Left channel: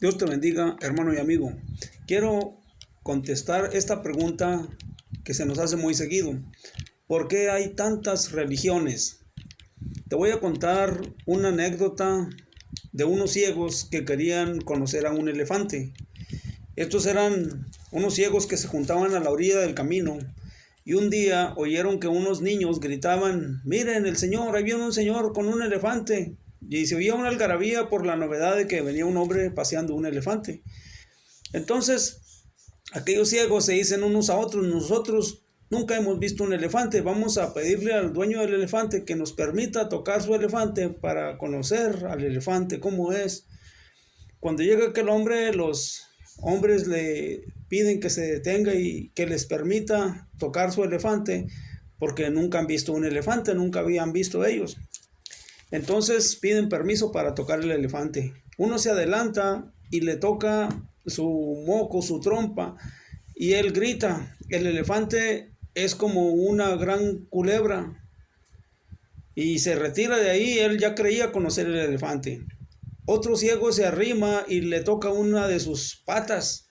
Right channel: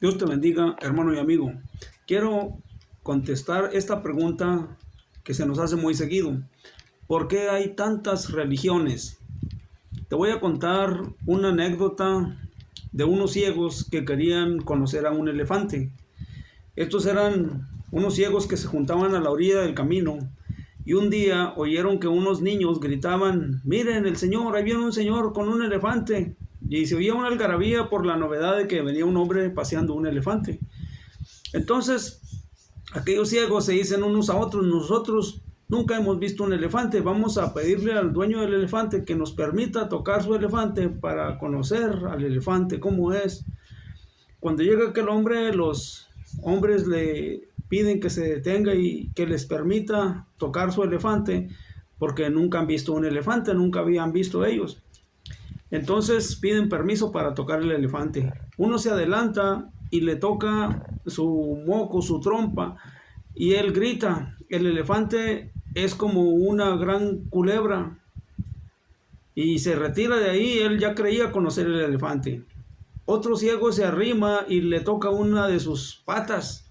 Dios te bendiga, hermano y amigo. Quiero contestar esta pregunta que se nos hace muy seguido. ¿Por qué hay tantas religiones? Te voy a contar una anécdota de unos ciegos que querían conocer a un elefante. Estos eran unos ciegos que se juntaban a la orilla del camino y un día oyeron que unos niños gritaban: miren el señor, ahí viene un señor con un elefante. Y se oía una algarabía por la novedad de que venía un hombre paseando un elefante. Entonces, aquellos ciegos se dicen unos a otros: nosotros nunca hemos visto un elefante, vamos a pedirle al dueño del elefante que nos permita tocar su elefante para conocer al elefante cómo es. Cuando llega aquel hombre, los hombres le piden que se detenga y que les permita tocar su elefante, porque nunca han visto un elefante, nunca habían visto ellos. Entonces piden permiso para tocar el elefante. Uno se adelanta y le toca su moco, su trompa, y él grita. El elefante es como una gran culebra y se retira de ahí. Él ya creía conocer el elefante. Otro ciego se arrima y le toca una de sus patas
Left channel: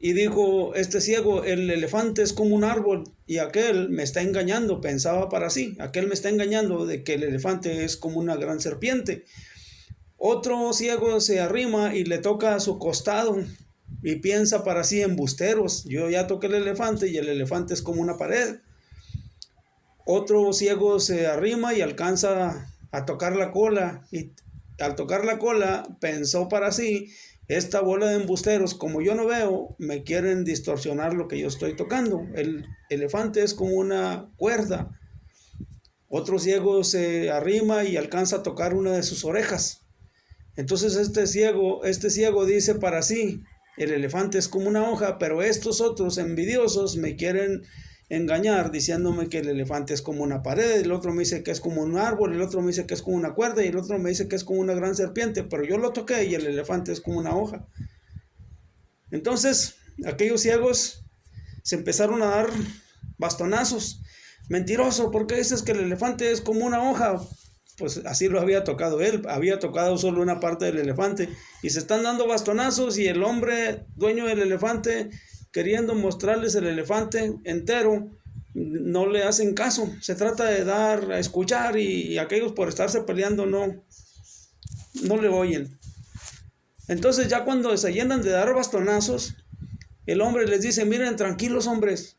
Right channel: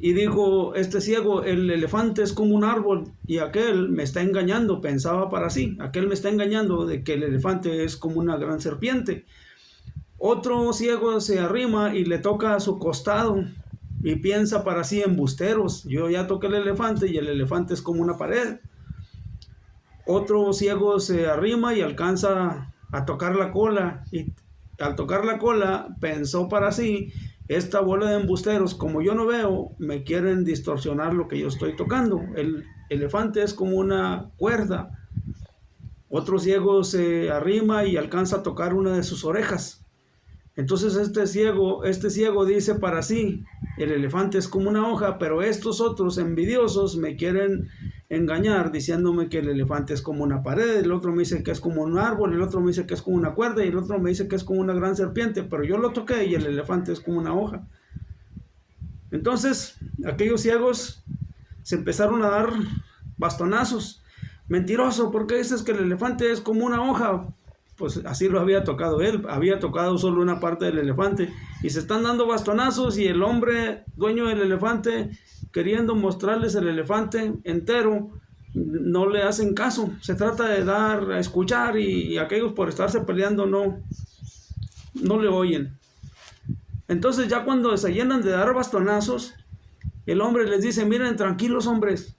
y dijo este ciego: el elefante es como un árbol y aquel me está engañando. Pensaba para sí: aquel me está engañando de que el elefante es como una gran serpiente. Otro ciego se arrima y le toca a su costado y piensa para sí: embusteros, yo ya toqué el elefante y el elefante es como una pared. Otro ciego se arrima y alcanza a tocar la cola y al tocar la cola pensó para sí: esta bola de embusteros, como yo no veo, me quieren distorsionar lo que yo estoy tocando. El elefante es como una cuerda. Otro ciego se arrima y alcanza a tocar una de sus orejas. Entonces este ciego dice para sí: el elefante es como una hoja, pero estos otros envidiosos me quieren engañar diciéndome que el elefante es como una pared. El otro me dice que es como un árbol, el otro me dice que es como una cuerda y el otro me dice que es como una gran serpiente, pero yo lo toqué y el elefante es como una hoja. Entonces aquellos ciegos se empezaron a dar bastonazos. Mentiroso, ¿por qué dices que el elefante es como una hoja? Pues así lo había tocado él, había tocado solo una parte del elefante y se están dando bastonazos y el hombre dueño del elefante, queriendo mostrarles el elefante entero, no le hacen caso. Se trata de dar a escuchar y aquellos, por estarse peleando, no le oyen. Entonces ya cuando se llenan de dar bastonazos, el hombre les dice: miren, tranquilos hombres,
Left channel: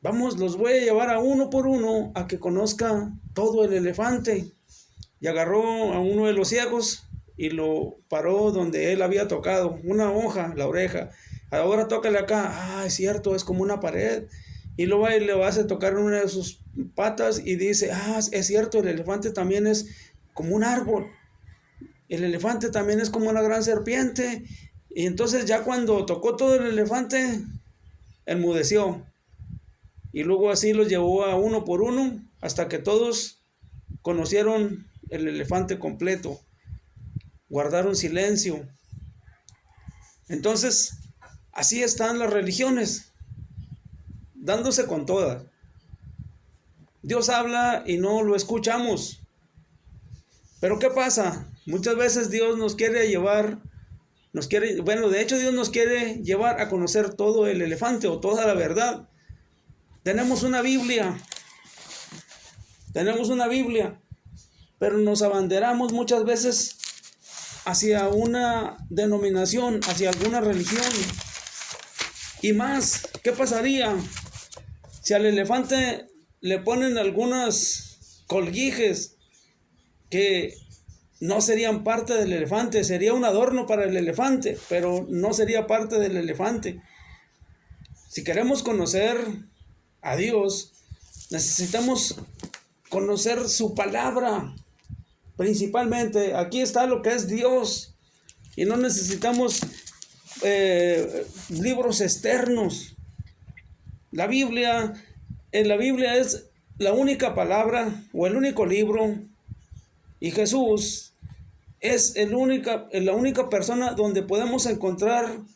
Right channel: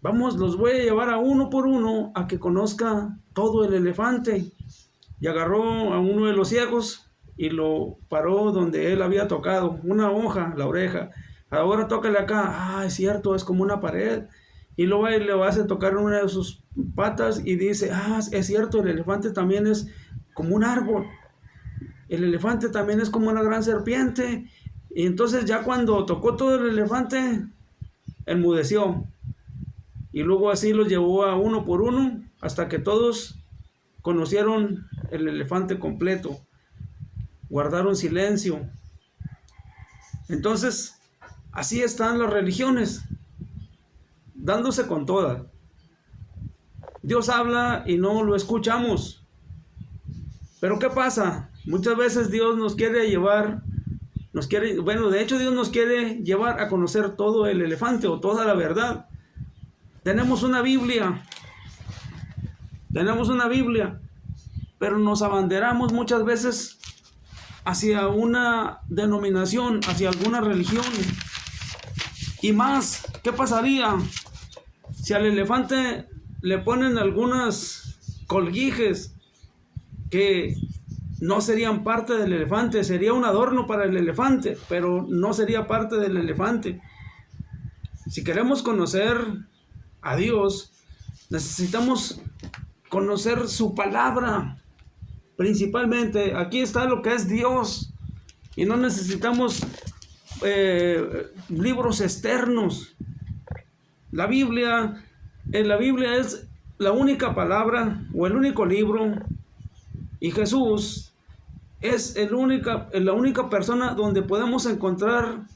vamos, los voy a llevar a uno por uno a que conozca todo el elefante. Y agarró a uno de los ciegos y lo paró donde él había tocado, una hoja, la oreja. Ahora tócale acá. Ah, es cierto, es como una pared. Y luego le vas a tocar una de sus patas y dice: ah, es cierto, el elefante también es como un árbol. El elefante también es como una gran serpiente. Y entonces ya cuando tocó todo el elefante, enmudeció. Y luego así los llevó a uno por uno hasta que todos conocieron el elefante completo, guardaron silencio. Entonces, así están las religiones, dándose con todas. Dios habla y no lo escuchamos. Pero ¿qué pasa? Muchas veces Dios nos quiere llevar, de hecho Dios nos quiere llevar a conocer todo el elefante o toda la verdad. Tenemos una Biblia, pero nos abanderamos muchas veces hacia una denominación, hacia alguna religión. Y más, ¿qué pasaría si al elefante le ponen algunas colguijes que no serían parte del elefante? Sería un adorno para el elefante, pero no sería parte del elefante. Si queremos conocer a Dios, necesitamos conocer su palabra. Principalmente, aquí está lo que es Dios. Y no necesitamos libros externos. La Biblia es la única palabra o el único libro, y Jesús es la única persona donde podemos encontrar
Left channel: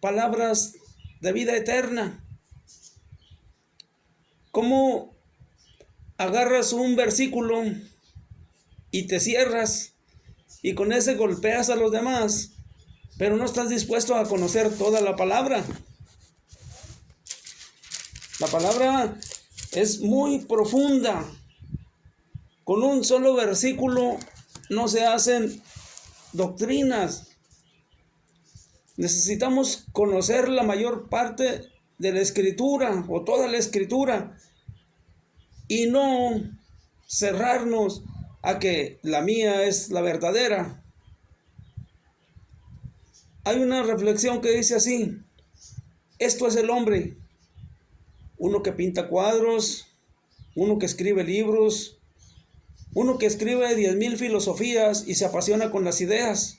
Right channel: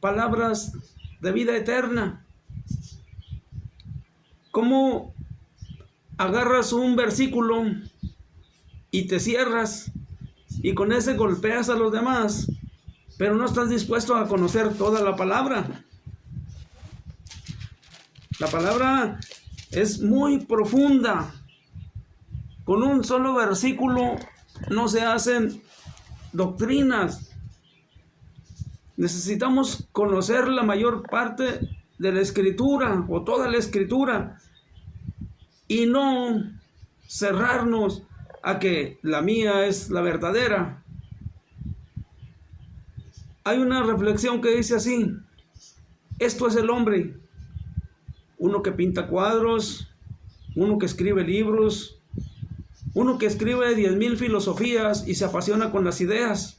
palabras de vida eterna. ¿Cómo agarras un versículo y te cierras y con ese golpeas a los demás? pero no estás dispuesto a conocer toda la palabra. La palabra es muy profunda. Con un solo versículo no se hacen doctrinas. Necesitamos conocer la mayor parte de la Escritura o toda la Escritura y no cerrarnos a que la mía es la verdadera. Hay una reflexión que dice así: esto es el hombre, uno que pinta cuadros, uno que escribe libros, uno que escribe 10,000 filosofías y se apasiona con las ideas.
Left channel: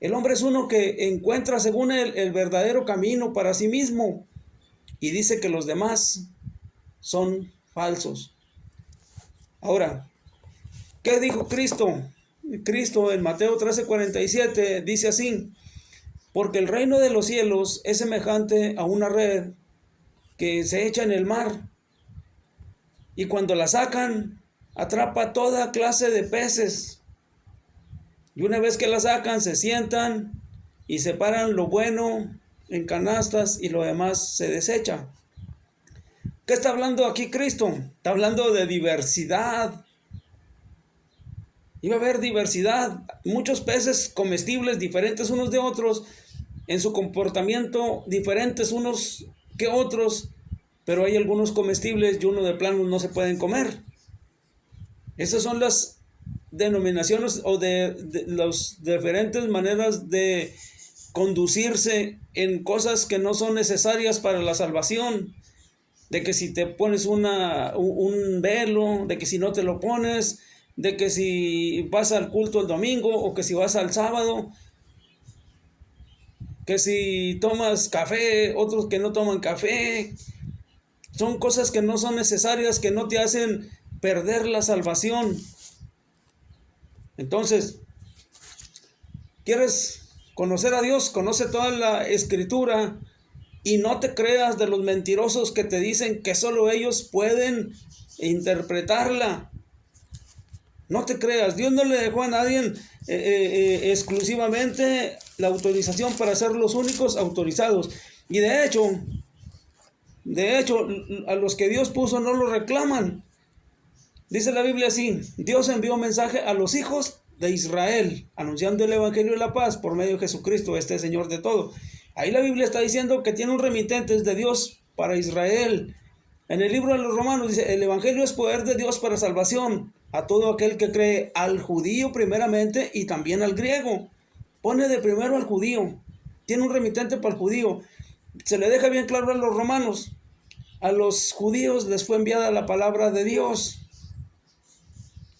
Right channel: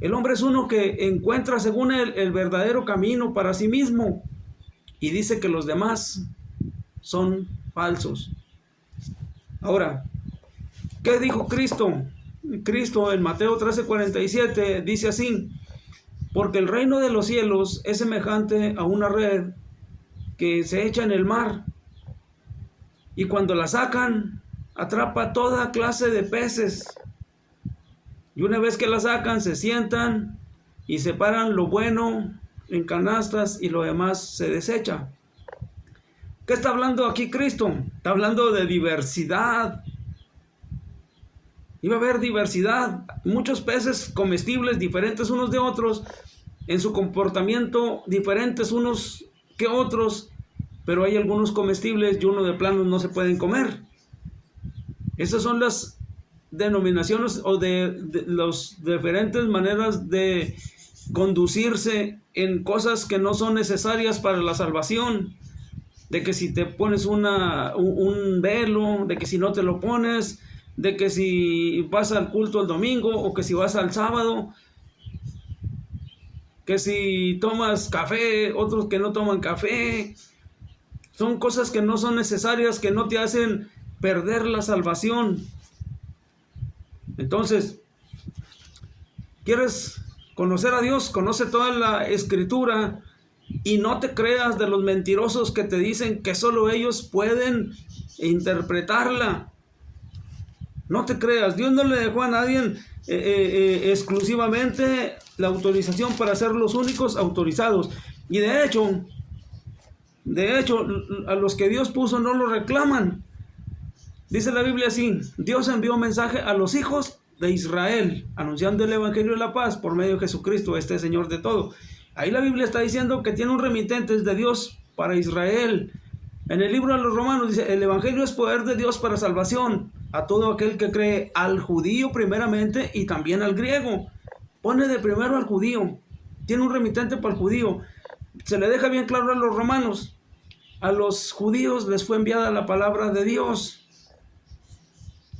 El hombre es uno que encuentra según él el verdadero camino para sí mismo y dice que los demás son falsos. Ahora, ¿qué dijo Cristo? Cristo en Mateo 13:47 dice así: porque el reino de los cielos es semejante a una red que se echa en el mar, y cuando la sacan, atrapa toda clase de peces. Y una vez que la sacan, se sientan y separan lo bueno en canastas y lo demás se desecha. ¿Qué está hablando aquí Cristo? Está hablando de diversidad. Iba a haber diversidad, muchos peces comestibles diferentes unos de otros, en su comportamiento diferentes unos que otros, pero hay algunos comestibles y uno de plano no se pueden comer. Esas son las denominaciones o de las diferentes maneras de conducirse en cosas que no son necesarias para la salvación. De que si te pones un velo, de que si no te lo pones, de que si vas al culto el domingo o que si vas al sábado, que si tomas café, otros que no toman café. Son cosas que no son necesarias, que no te hacen perder la salvación. Entonces, ¿quieres conocer a Dios? Conoce toda la Escritura y no te creas de los mentirosos que te dicen que solo ellos pueden interpretarla. No te creas, Dios no le dejó a nadie exclusivamente la autorización para ser los únicos autorizados. Y de hecho, a los que Dios puso no lo reclaman. Dice la Biblia así: Dios envió mensaje a los hijos de Israel, anunciando el evangelio de la paz por medio de Jesucristo, este Señor de todo. Ahí la Biblia está diciendo que tiene un remitente de Dios para Israel. En el libro de los Romanos dice: el evangelio es poder de Dios para salvación a todo aquel que cree, al judío primeramente y también al griego. Pone de primero al judío, tiene un remitente para el judío. Se le deja bien claro a los romanos: a los judíos les fue enviada la palabra de Dios.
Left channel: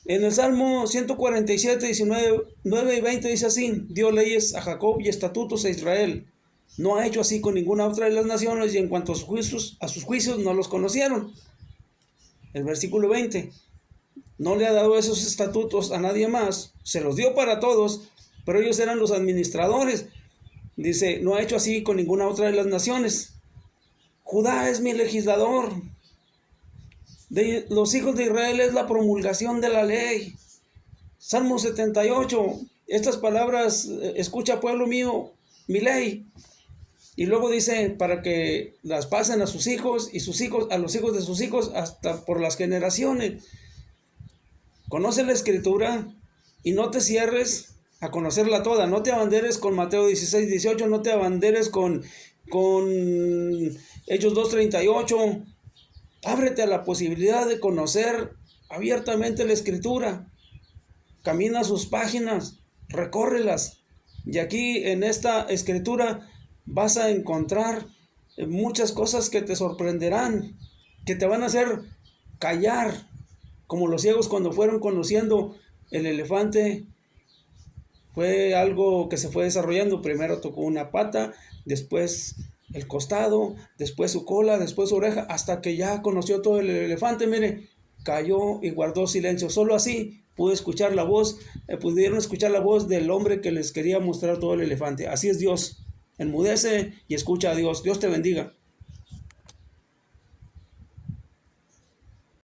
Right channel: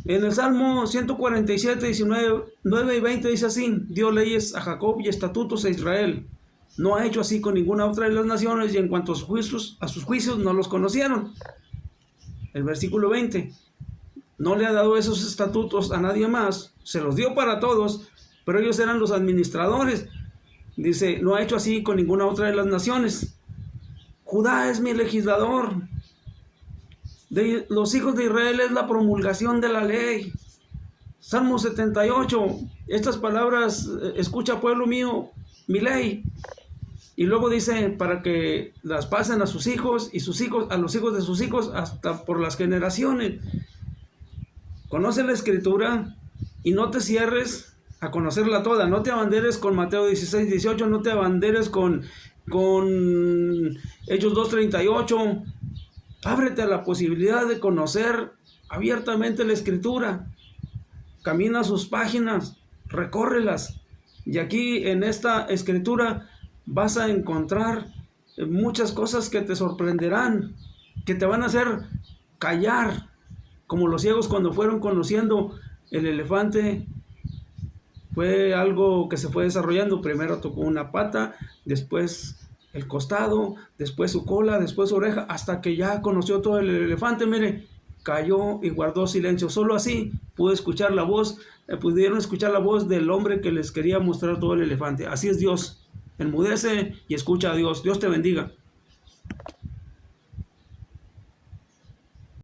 En el Salmo 147, 19, 9 y 20 dice así: dio leyes a Jacob y estatutos a Israel. No ha hecho así con ninguna otra de las naciones, y en cuanto a sus juicios no los conocieron. El versículo 20: no le ha dado esos estatutos a nadie más, se los dio para todos, pero ellos eran los administradores. Dice: no ha hecho así con ninguna otra de las naciones. Judá es mi legislador. De los hijos de Israel es la promulgación de la ley. Salmo 78, estas palabras: escucha, pueblo mío, mi ley. Y luego dice: para que las pasen a sus hijos y sus hijos a los hijos de sus hijos hasta por las generaciones. Conoce la Escritura y no te cierres a conocerla toda. No te abanderes con Mateo 16, 18, no te abanderes con Hechos 2:38. Ábrete a la posibilidad de conocer abiertamente la Escritura. Camina sus páginas, recórrelas. Y aquí en esta Escritura vas a encontrar muchas cosas que te sorprenderán, que te van a hacer callar, como los ciegos cuando fueron conociendo el elefante. Fue algo que se fue desarrollando. Primero tocó una pata, después el costado, después su cola, después su oreja, hasta que ya conoció todo el elefante. Mire, cayó y guardó silencio. Solo así pudieron escuchar la voz del hombre que les quería mostrar todo el elefante. Así es Dios. Enmudece y escucha a Dios. Dios te bendiga.